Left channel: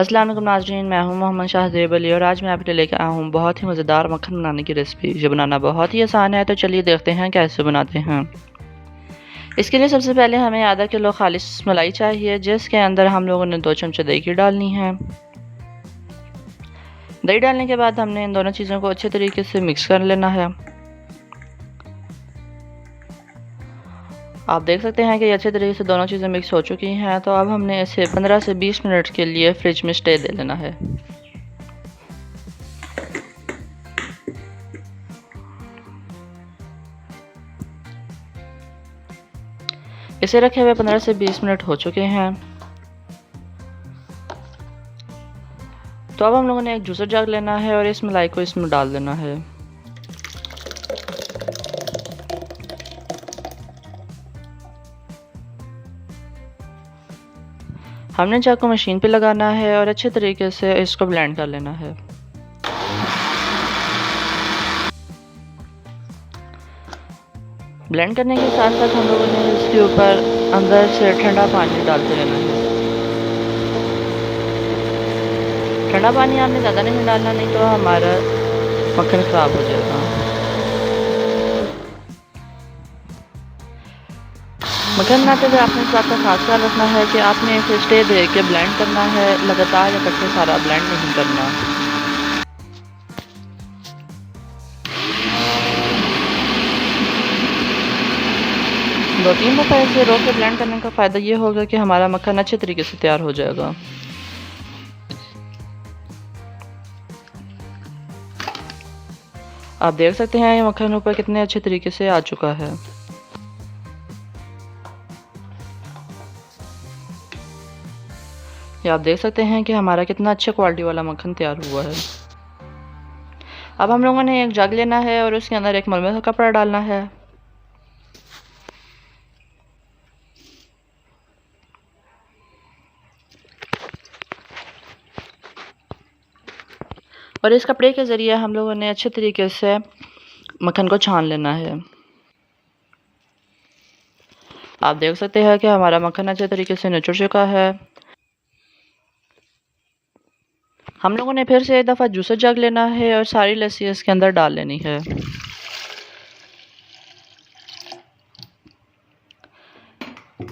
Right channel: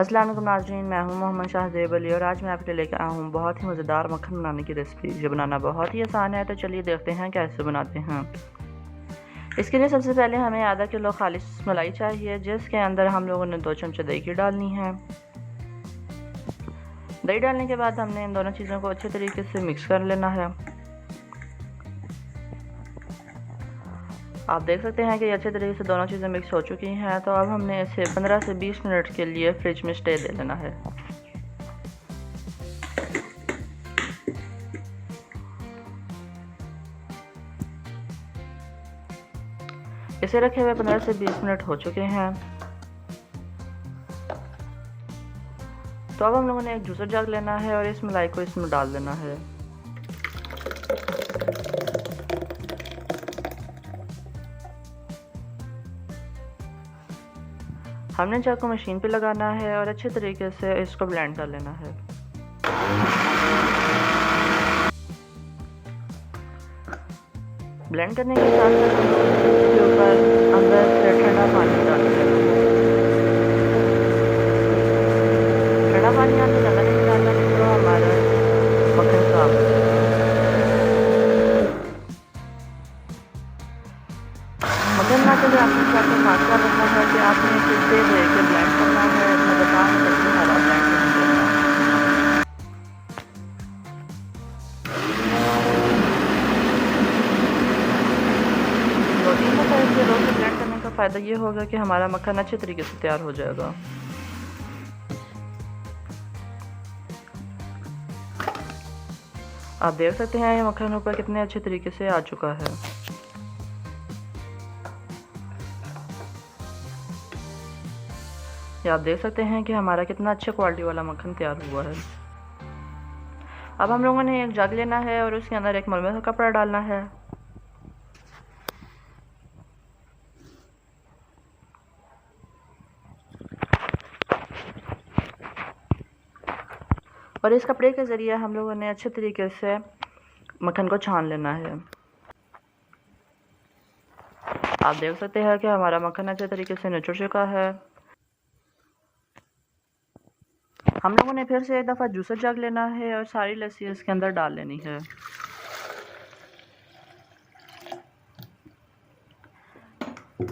अस्सलाम वालेकुम नाज़रीन, मैं हूं मोहम्मद शाहज़ेब अली और आज मैं आपके लिए लेकर आया हूं बहुत ही मज़ेदार मक्खन बनाने की रेसिपी। ये बनाना बहुत ही आसान है, तो चलिए देखते हैं कैसे बनाते हैं। इसके लिए सबसे पहले हमें आधा किलो खालिस मलाई चाहिए, जिसके अंदर हम लोगों ने 2 चमचे दही की डालनी है। दही डालने के बाद हमने इन दोनों चीज़ों को अच्छे तरीके से मिक्स कर लेना है। आप देख सकते हैं कि अच्छे तरीके से दोनों चीज़ें मिक्स हो चुकी हैं, तो अब हमने इसे 15 से 20 मिनट के लिए फ्रिज में स्टे दे लेना है। इसे रखे हुए 15 से 20 मिनट हो चुके हैं। तो अब हम लोगों ने एक जूसर जग लेना है और इस मलाई को इसमें डाल देना है। हमने जग को मशीन पे लगाना है और अच्छे तरीके से इसको ब्लेंड कर लेना है। ब्लेंड करने के साथ साथ हम लोगों ने इसके ऊपर अंदर से ठंडा पानी डाल देना है। ठंडा पानी आपने ज़्यादा नहीं डालना, नहीं तो हमारा मक्खन ख़राब हो जाएगा। मक्खन बनाते हुए आपने इस बात का खास ख्याल रखना है कि आपने इसे स्टे दे के ब्लेंड करना है, लगातार इकट्ठे सारा ब्लेंड नहीं करना। दो तीन दफ़ा ऐसे रोज़ से ब्लेंड करने का फ़ायदा ये होगा कि हमारा मक्खन अच्छे तरीके से तैयार हो जाएगा। आप देख सकते हैं ये मक्खन ऊपर कितने अच्छे तरीके से आ चुका है। ये आप देख सकते हैं कि हमारा कितना अच्छे क्वालिटी वाला मक्खन तैयार हुआ है। अब हम लोगों ने एक जग लेना है और उसके अंदर एक मलमे का कपड़ा डालना है। और इस कपड़े के ज़रिए हम लोगों ने अच्छे तरीके से मक्खन को छान लेना है। आप देख सकते हैं कि हमारा मक्खन अच्छे तरीके से निचुड़ चुका है। हम लोगों ने फिर से एक दफ़ा जूसर जग लेना है और सारी लस्सी इसके अंदर डाल लेनी है।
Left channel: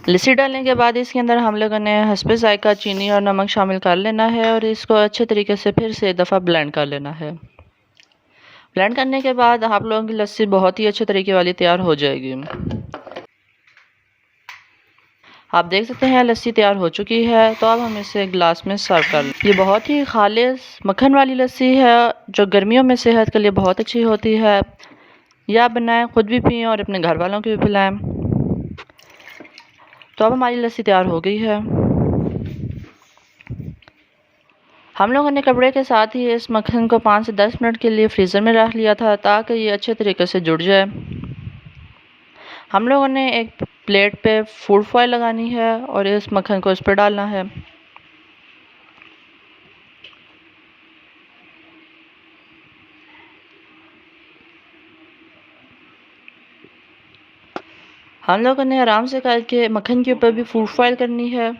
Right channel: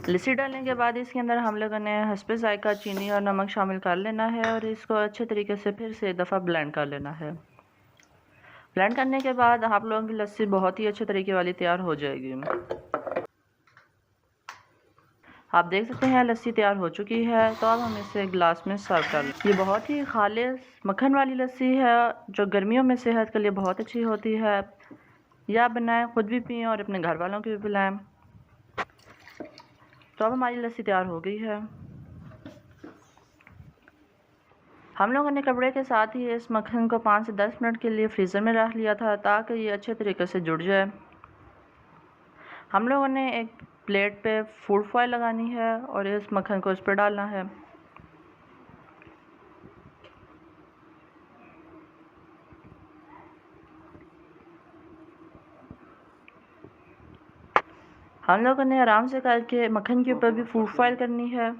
लस्सी डालने के बाद इसके अंदर हम लोगों ने हस्बे ज़ायका चीनी और नमक शामिल कर लेना है और इसको अच्छे तरीके से फिर से एक दफ़ा ब्लेंड कर लेना है। ब्लेंड करने के बाद आप लोगों की लस्सी बहुत ही अच्छे तरीके वाली तैयार हो जाएगी। आप देख सकते हैं लस्सी तैयार हो चुकी है, तो अब हम इसे एक गिलास में सर्व कर लें। ये बहुत ही खालिस मक्खन वाली लस्सी है, जो गर्मियों में सेहत के लिए बहुत अच्छी होती है। या आप बनाएं, खुद भी पिएं और अपने घर वालों को भी पिलाएं। तो अब हमारी लस्सी तैयार हो गई है। हम लोगों ने कपड़े के साथ ही इस मक्खन को 5 से 10 मिनट के लिए फ्रीज़र में रख लिया था, ताकि ये अच्छे तरीके से जुड़ जाए। हम लोगों ने एक प्लेट पे फूड फॉयल लगानी है और इस मक्खन को इस पर डालना है। हम लोगों ने आराम से करके मक्खन के ऊपर भी फूड फॉयल करनी है।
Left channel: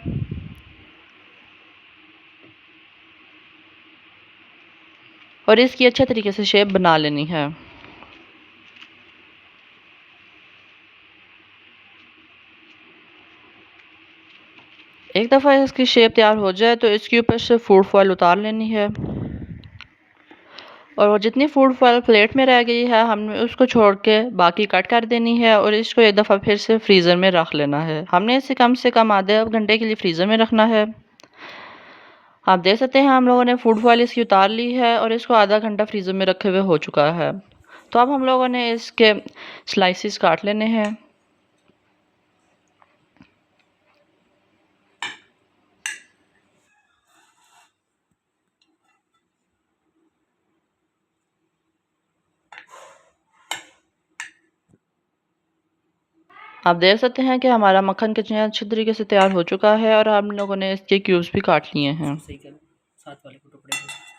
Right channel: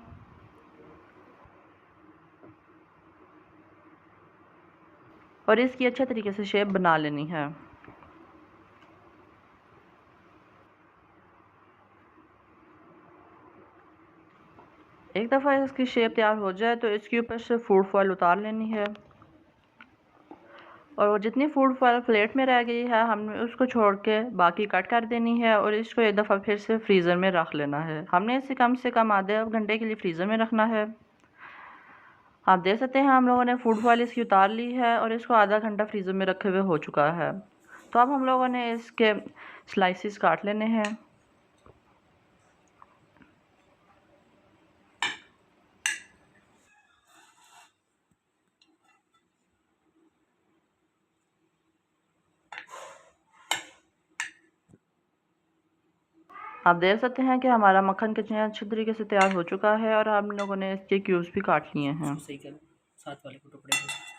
और इसकी अच्छे तरीके से शेप बना लेनी है। एक दफ़ा इसकी शेप तैयार हो जाए तो इसके ऊपर से फूड फॉयल उतार लेनी है। और वो जितनी फूड फॉयल प्लेट में रह गई है, हमने उसको छोड़ के बाकी कट कर देनी है और इसको एक दफ़ा फिर से फ्रीज़र में रख लेना है। हमने इसे कम से कम आधे घंटे के लिए फ्रीज़र में रखना है। आप देख सकते हैं हम लोगों ने फूड फॉयल इसकी उतार ली है और इसको आधा घंटा फ्रीज़र में रखे हुए हो चुका है। तो अब हम लोगों ने इसके स्लाइसिस काट लेने हैं। आप देख सकते हैं कि हमारा मक्खन कितने अच्छे तरीके से तैयार हो चुका है और हम लोगों ने इसके क्यूब्स भी काट लिए हैं।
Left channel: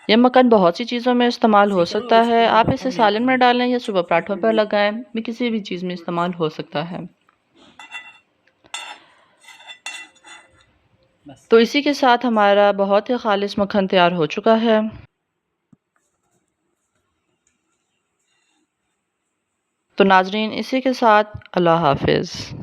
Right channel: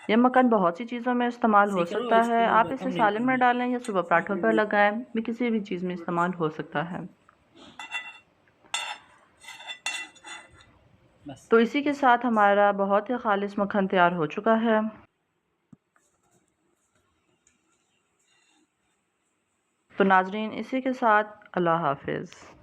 ये मक्खन बहुत सी चीज़ों में इस्तेमाल हो सकता है। आप इसे सालन में डालें या सुबह पराठों पर लगाएं, भी किसी भी चीज़ में इस्तेमाल हो सकता है। तो इसी के साथ हमारा बहुत ही ख़ालिस मक्खन तैयार हो चुका है। तो नाज़रीन, इसी के साथ अल्लाह हाफ़िज़।